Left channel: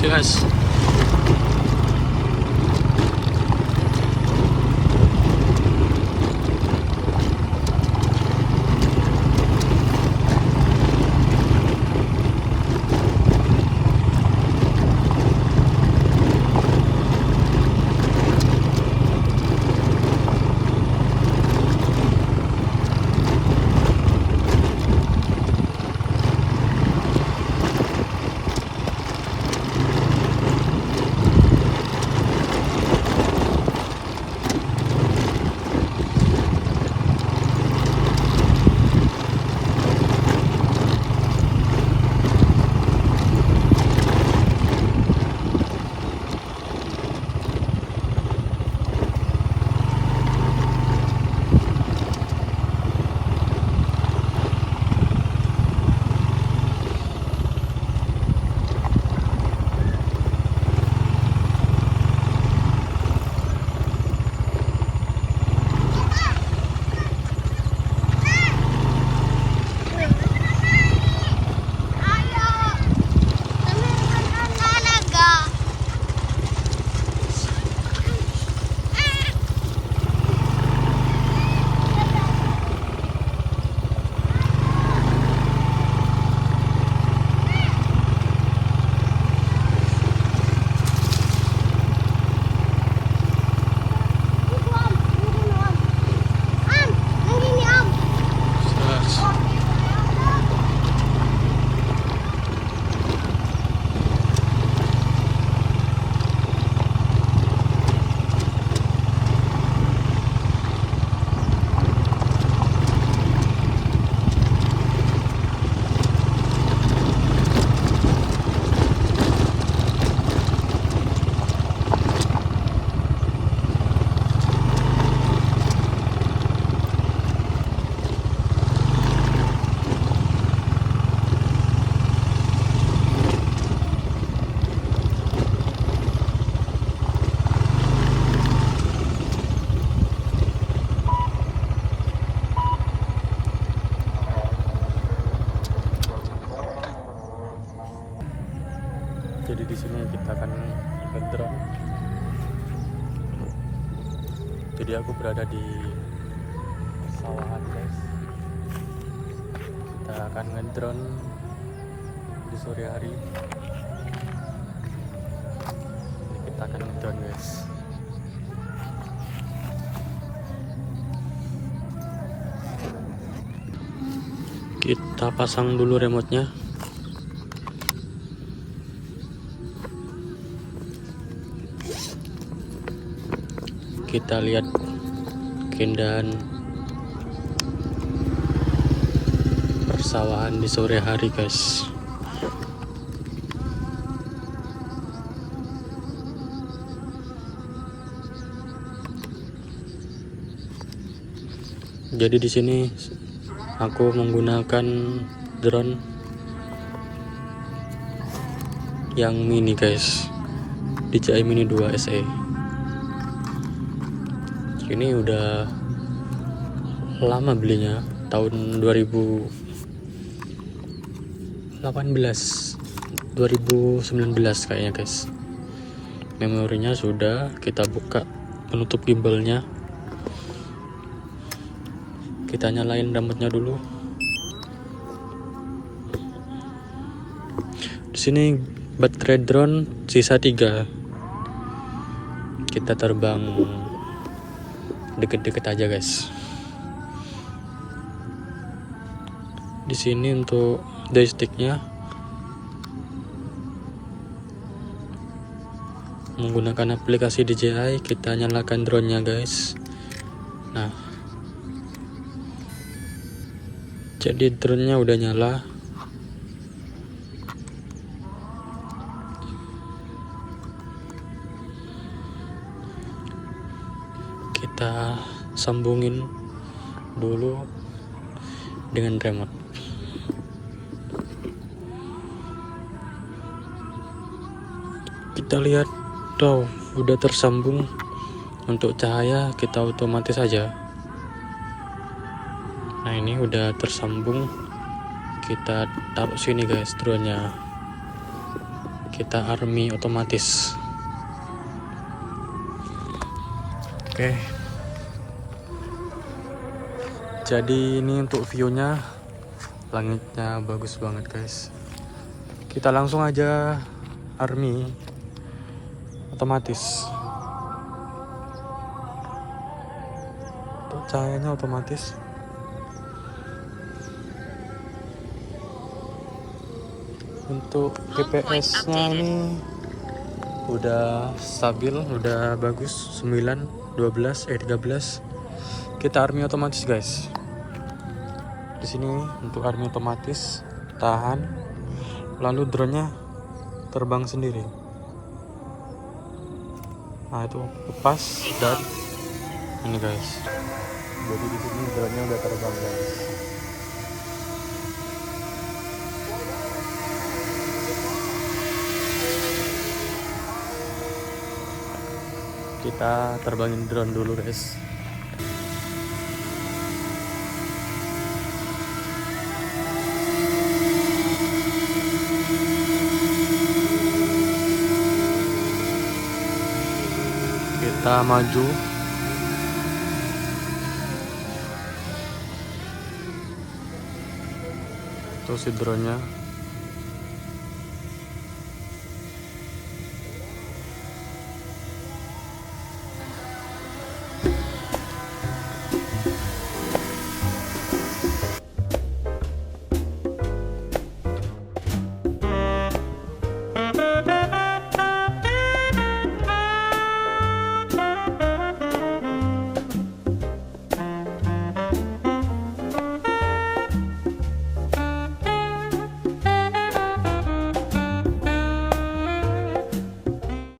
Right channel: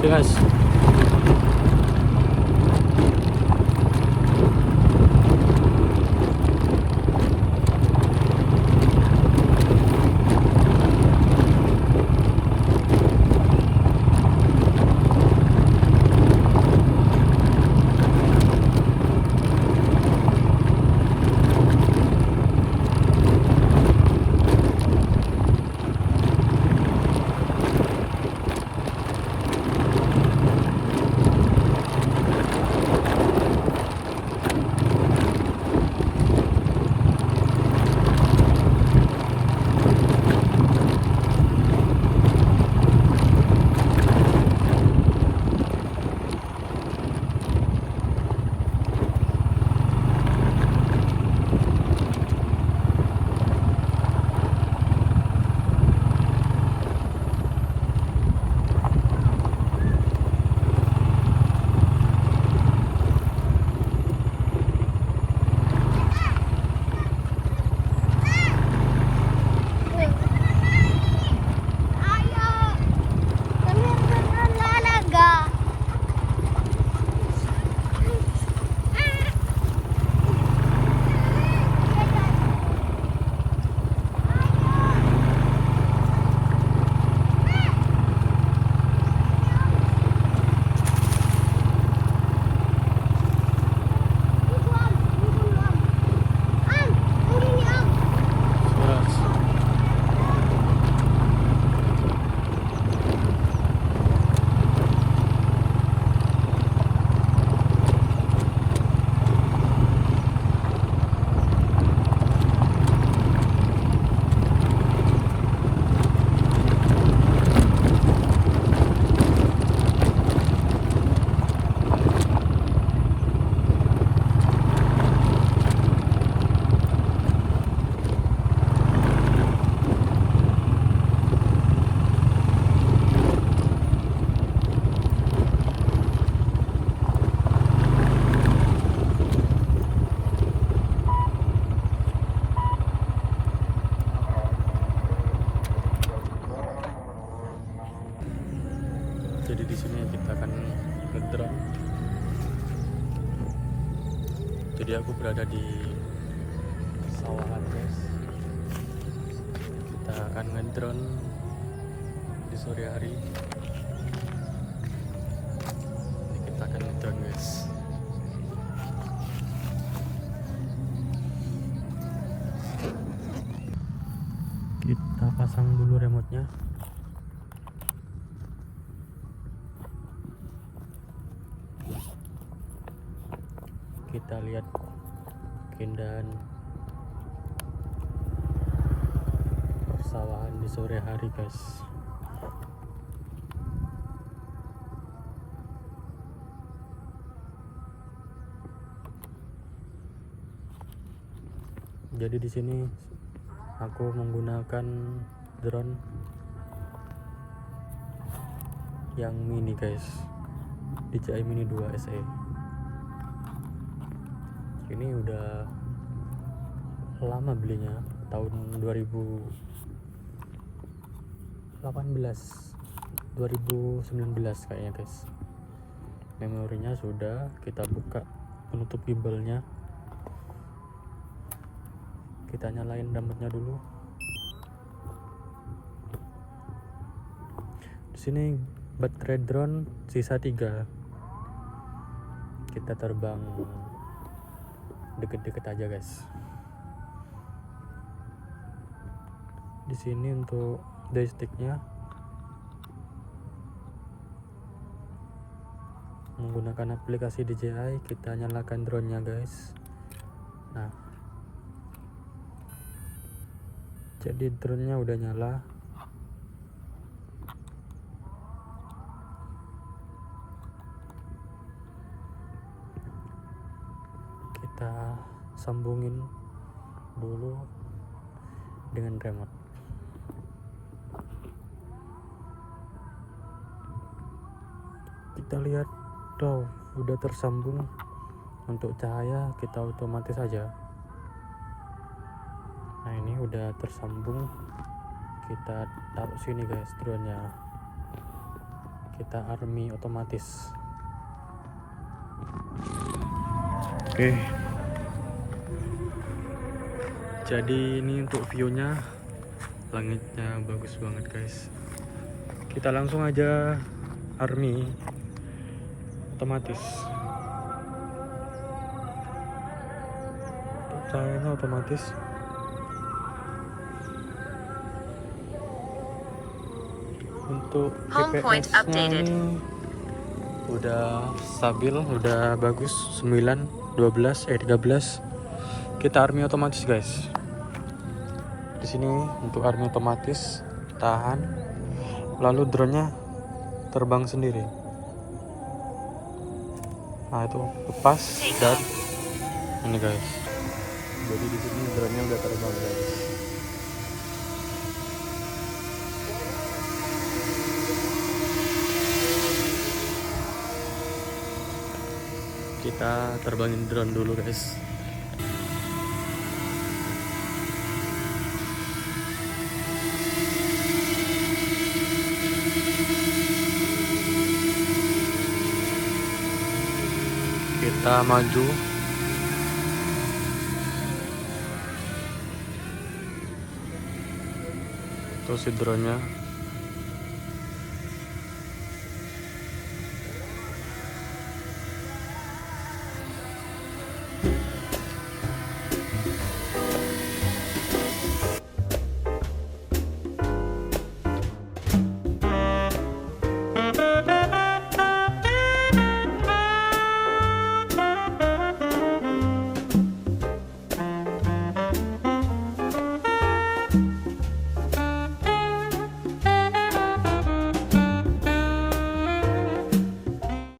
ya guys. Jadi di sini kita akan ngedrone. Jadi aku berada di sawahan guys. Kita akan ngedrone di sore hari. Ini kita akan ngedrone guys. Kita pasang dulu remote-nya. Kita lihat keindahan persawahan di sore hari guys. Jadi di sini aku menggunakan drone yang mini guys, DJI Mini 2 SE. Ini udah lama belinya, tahun 2018 2019 kayaknya guys. Memorinya sudah, kita buka penutup gimbalnya. Kita nyalain remote-nya dulu. Di sini baterai drone sisa 3. Kita terbang deket-deket aja guys. Di sini untuk joysticknya menggunakan aplikasi DJI. Kita nyalakan drone-nya guys. Nah, jadi drone-nya udah nyala. Kita sambungin dulu dengan remote. Kita lihat tuh udah tersambung. Untuk cahaya kita otomatis saja. Nah, ini udah tersambung. Kita taruh sini guys drone-nya. kita army otomatis. Oke. Jadi ini untuk view-nya, langitnya bagus banget guys. Kita langsung aja army otomatis. Untuk cahayanya otomatis. Untuk GPS-nya ini udah stabil, udah bagus. 9, 12, 13. Kita army otomatis guys. Di sini untuk army otomatis, tahan. Lalu drone-nya terbang sendiri. Nah itu lepas dan ini guys. Jadi di sini drone-nya udah terbang guys. Kita terbangin drone dulu guys. Kita maju. Terus si drone-nya